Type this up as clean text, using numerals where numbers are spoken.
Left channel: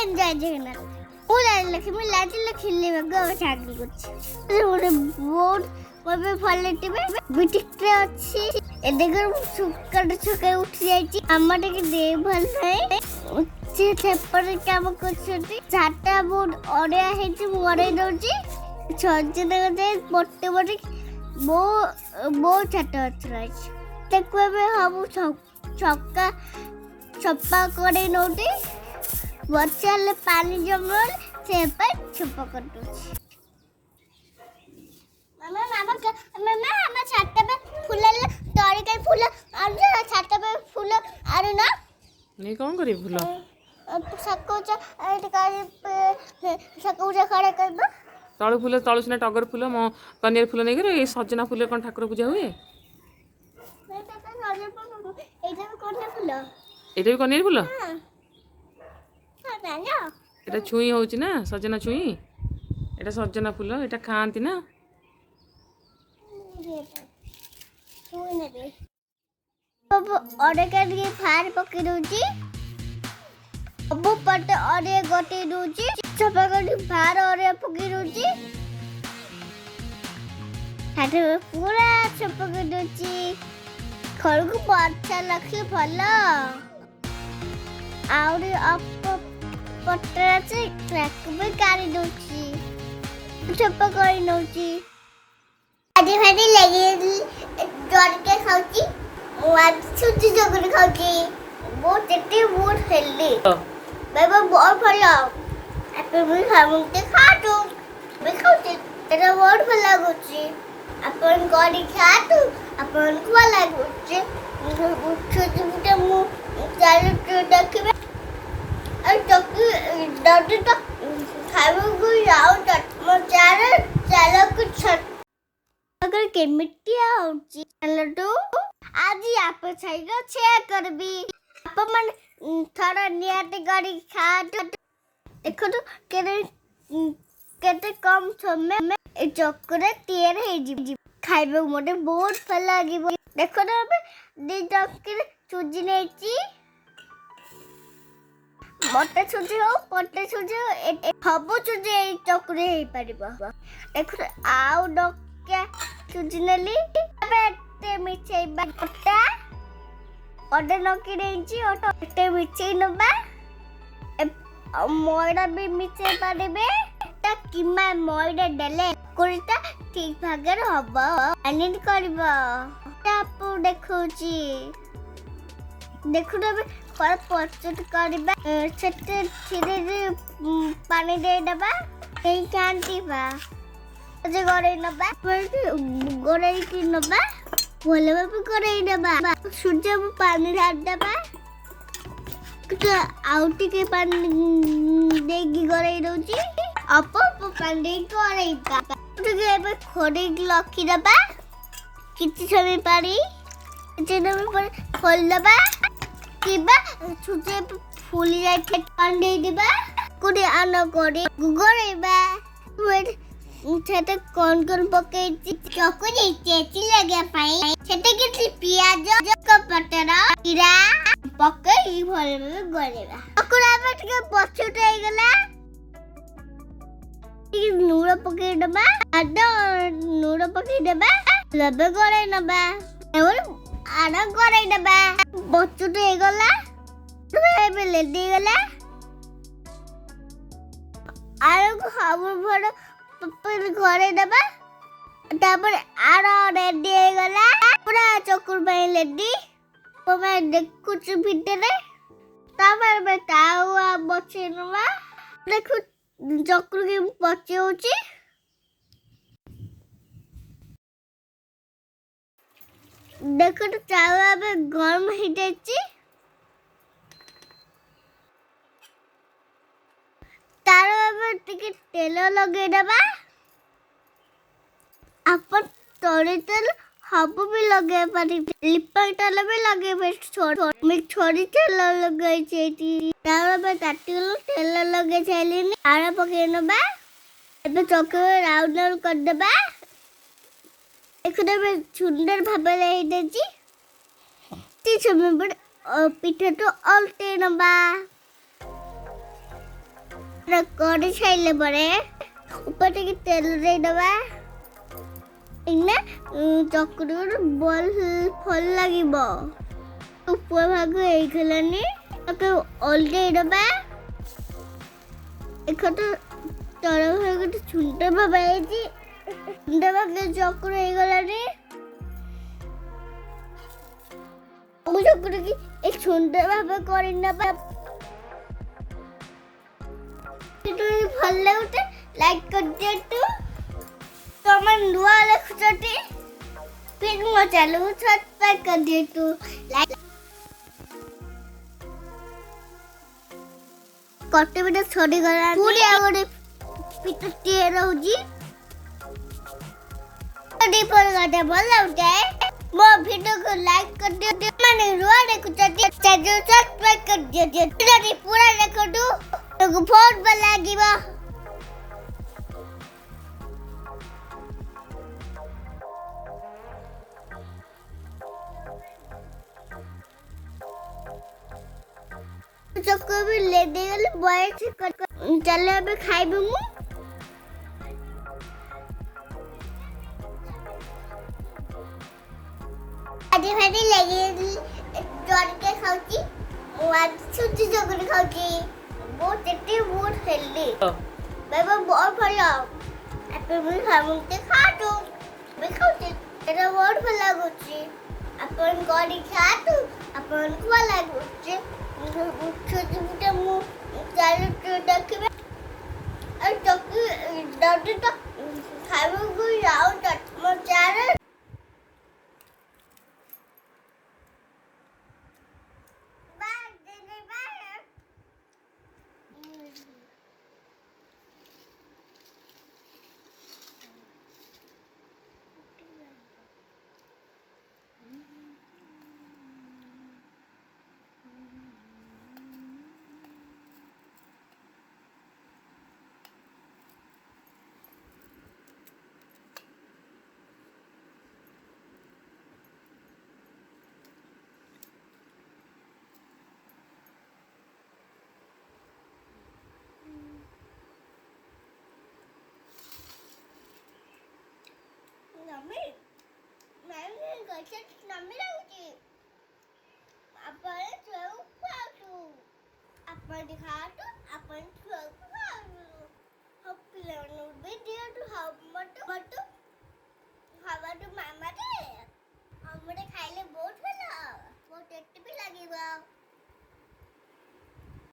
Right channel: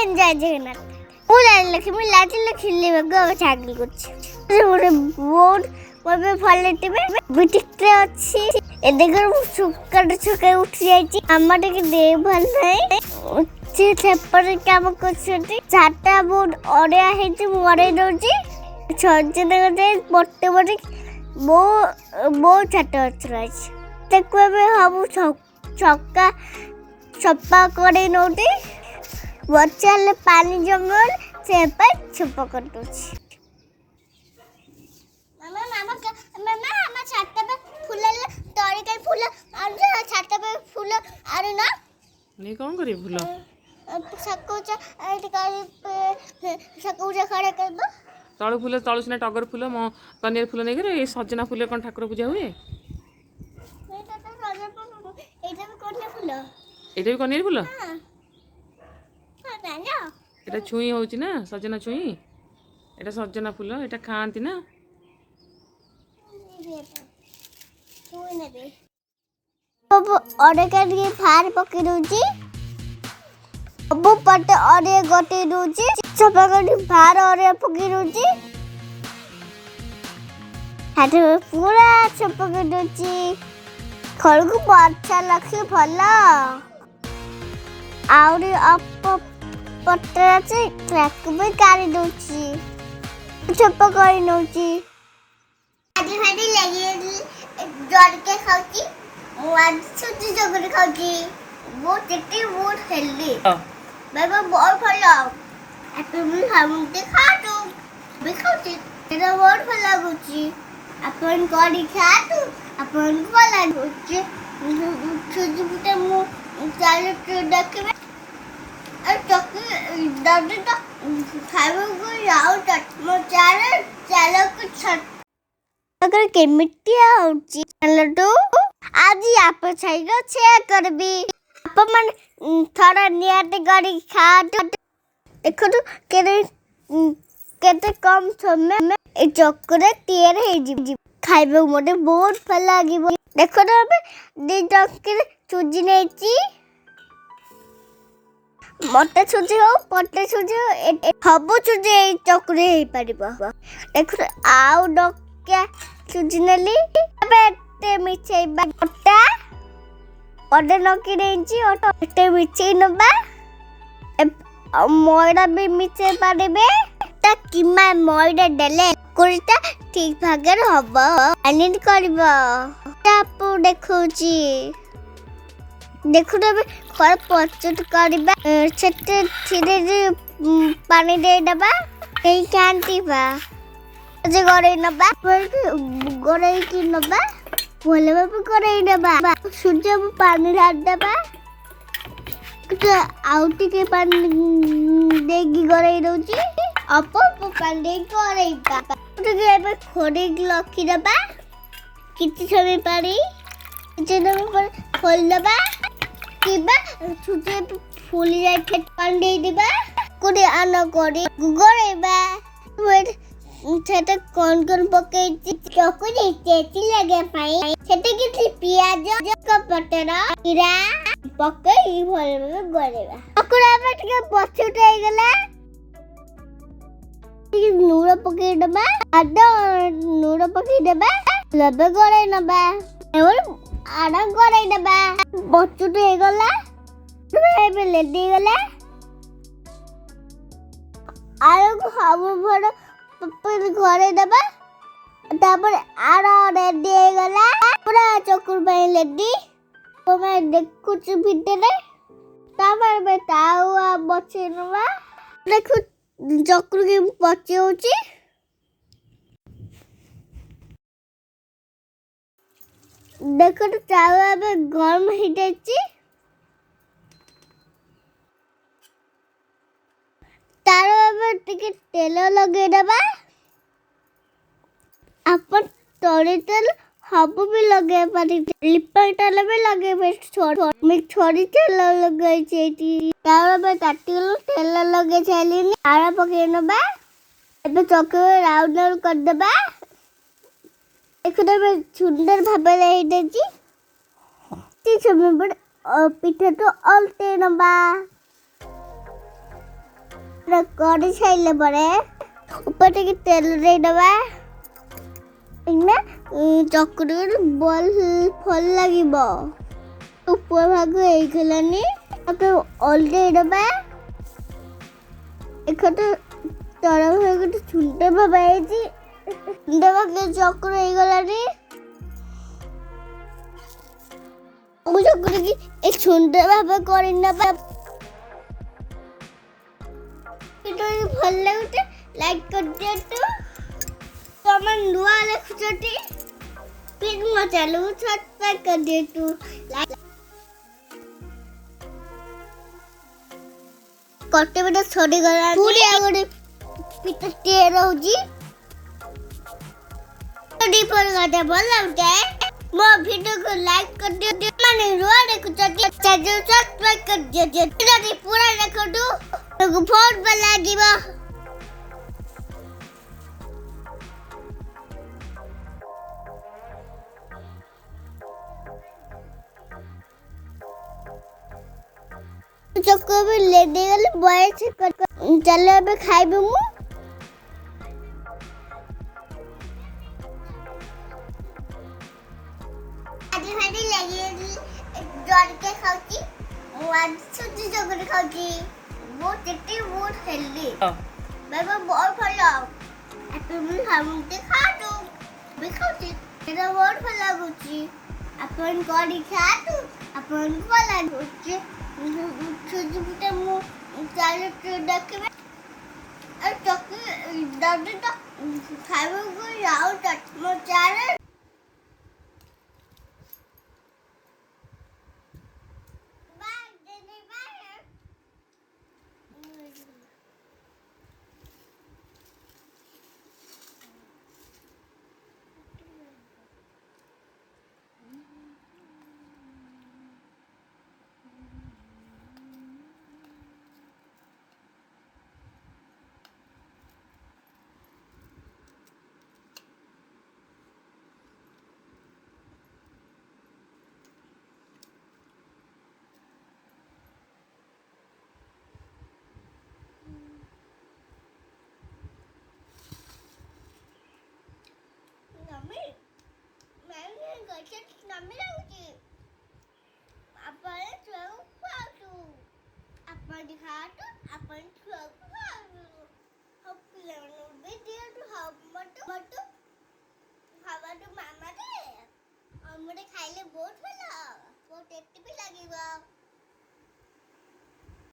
everyone jai Jagannath. ମୁଁ ରାଜଲକ୍ଷ୍ମୀ ଲାଜିଲେ ଖେଳିବାକୁ ଆଉ ଚାକିରି କରୁଛି। ଗୋଟେ ବହୁତ ମୋତେ ଭଲ ଟିବେ ବୁଟିକରେ ଅଛି। ଏ ଦେଖ ମୁଁ ସକାଳୁ ଉଠି ଯାଇଛି। ଆମ ଟିକେ ଦେହ ଭଲ ନାହିଁ। ସେ ସେପଟେ କାମ କରୁଛନ୍ତି। ଚାଟା ବହୁତ ଅଡିଆ ହେଇଛି ମୁଁ ଅଡେଇ ଦଉଛି। ସଜନା ଗଛରେ ବଟେ ବଟେ ବହୁତ ଚାଟା ଗଛ ରହିଛି। ତାକୁ ଏବେ ସବୁ ଛକା ସଫା କରି ନଉଛି। ବର୍ଷା ହେଲେ ପାଣି ଜମିଗଲେ ସେ ପାଇଁ ସଫା କରିଦଉଛି। ମାମା ଛାତ पे फूल तोड़ी के फूल और छात पे फूल और ना नहीं कौन करी फूल सकूचा एट कर सकूचा खड़े कर दो तळु फूल तळु सिना टगर फूल मो कनेर फूल नहीं करे सजना फूल कौन ठाकुर पूजा हुए एटा भी कोन फूल एटा भी कनेर फूल हां ना एटा छुई होउची ना सजना छुई एटा सजना फूल एटा खांती ना छुई नेबे अब ऑर्डर कर के फार पके दोची अब पट ऑर्डर गोटे दोची सफा कर फार ऑर्डर पके दोची हाथ पूरा सफा कर दोची घर को अच्छा लगे भला आउरी अप पटरा से ट्रैक में काढ़ी दोची सफा कर नोची आदि भाडी लगे जोर के खाउची आज छुट्टी जगरे खाउची बहुत टेस्टी बहुत हेल्दी बाबा बहुत भला आपे भी खामुते खातो भी खाउची तेरा बहुत भला गुची अपन गाड़ी खातो अपन को लागुची छोटी मोटा मु चालू तो देखबे और तक दादी तक खाऊ को जाओ तक मो चालो कुछ अगर केमिटी आउची लड्डू आज आप छाइगा शेयर करबी आप मन थोड़ा नियाते गाड़ी खा देखो तो केते कम समय में ए चक्कर तैयार हे जी खाइबे मोटे बहुत भल लागिबो देखो तो अबे दे चक्कर चुजी नेची मोटे चुजी हो पटे चुजी हबो चुजी ए चक्कर हे परिबो देखो आउ डक्या चुजी नेली अबे मिछे बाटा ओडे नकी देंची ओटे मिछे नबा मोइडा भी मिछे पारिबे ता किमा मोइडा डेले कुरिता ठीक भागर हबो अनिट करबो तापु देखौची देखु तबे पर पचट करबा छते धीरे पानी दे दबा कहीं कांती बा जे गरे नबा गरे की नबा बोले बाबा गरे नबा सूर्य पानी डाल दबा तो आउटी के पानी देगी गरे दोची अप पानी दे गरे बा तो के बे खोडे लखी दबा किछि समय पानी जेना पर खोल दबा किबा छुटे फूल जाय पानी दे दिबा कोडे आना कोडे गरेबा वेट सेटे कौन पके चकुरी चेची लगे पाई सेटे किछि पियाज कपटरा जीरा पके ई भले में गरेबा अकुरा बेट के पछुटे गला ई नूरा पके दबा आदा नूरा पके दबा लबे गरे नबा और आडा गरे दबा पछुटे गला बे ले दे गला आरो को हाबु भड़ पर घरे दबा तापर आरा रेडी हो गला पूरा चकुर पे लेडी तो मैं देखु भीतर तापर मैं तावा बचे नवा देखु चकुर के बचे होची देखो तो तावा में गरम ही देची तारो अब टिके तेल लगे दबा अपन तोड़े तेल हबो भी लगे पारी लिपा तेल भी लगे बे छोड़ी तेल लगे छेती तारो बे ताटिलो तेल लगे छेली आरा पके नबा अब चके राउंड राउंड कर दबा एकने में सुंदर भाबे ले देजी ती समय पर पिठे तो अलटे नबा କରି ସାଇଲେ ପରେ ଉପରେ ଟିକେ ତେଲ ଦେଇଦବା। ଏଇନା ଚକୁଟିକି ବଲ୍ ଭଲ ଲାଗିବ। ଉପର ଭାଗ ହେଇଗଲାନି ତାକୁ ଓଲଟେଇ ଦବା। ଏକତ ତଳ ଭାଗ ଛୁଣ୍ଡ ଭାଗ ହେଇଛି। ଛୁଣ୍ଡ ଭାଗ ଚକୁର ହେଇଗଲାନି। ଚକୁଟିକି ଏ ଛୁଣ୍ଡ ଭାଗ କରିନେବା। ଭଲ ଲାଗୁଛି ଲାଇକ୍ କରିଦିଅନ୍ତୁ। ତମେ ନୂଆ ଦେଖୁଛନ୍ତି ପ୍ଲିଜ୍ ମୋ ଚ୍ୟାନେଲକୁ ସବସ୍କ୍ରାଇବ୍ କରିଦିଅନ୍ତୁ। ଗୋଟେ ପିଠା ସରିଗଲା। ପୁଣି ଆଉ ଗୋଟେ ପିଠାଟିଏ ରହୁଛି। ଭଲ ଲାଗୁଛି ମୋ ଭିଡ଼ିଓକୁ ଲାଇକ୍ କରିଦିଅନ୍ତୁ। ମାନେ ନୂଆ ଦେଖୁଛନ୍ତି ଚ୍ୟାନେଲକୁ ସବସ୍କ୍ରାଇବ୍ କରିଦିଅନ୍ତୁ। ପୁରା ଦେଖନ୍ତୁ ବହୁତ ଭଲ ଲାଗିବ। ଚକ ବି ଲେଡି ଗଲେ ବୟସ ଚାଲ ଏବେ ଖାଇବୁ। ମୁଁ ଆଜି ଭାରି ଲାଗି ଜରିକେ ଖାଉଛି। ମୁଁ ଆଜି ସୁଜି ଚକୁଳି ଖାଉଛି। ବହୁତ ଟେଷ୍ଟି ବହୁତ ହେଲ୍ଦି। ବାବା ବହୁତ ଭଲ। ଆପଣ ବି ସମସ୍ତେ ଖାଆନ୍ତୁ। ବି ଖାଉଛି ଏଇଟା ବହୁତ ଭଲ ଲାଗୁଛି। ଆପଣ କରି ଖାଆନ୍ତୁ। ଆପଣଙ୍କୁ ଭଲ ଲାଗୁଛି। ସୁଜି ପିଠା ମୁଁ ଚାଲୁ ଦେଖିବେ। ଆଉ ଚକୁଳି ଯଦି ତ ଖାଇବାକୁ ଯାଉ ମୋ ଚ୍ୟାନେଲ ନମି ମ୍ୟାମ୍ ଗଛ ନମି ଲାଗୁଛି। ଆପଣ ଛୁଆକୁ ଖୁଆନ୍ତୁ। ଆପଣ ଖାଆନ୍ତୁ। ଆପଣ ଛୁଆକୁ ଖୁଆନ୍ତୁ। ଆଉ ପିଲାମାନଙ୍କୁ ବି ଦିଅନ୍ତୁ। ମଟୁ ଖାଇବାଠୁ ମାମାଟେ ଆମର ଖାଇଲେ ବହୁତ ଭଲ। ବହୁତ ଟେଷ୍ଟି ବି ଲାଗିବ।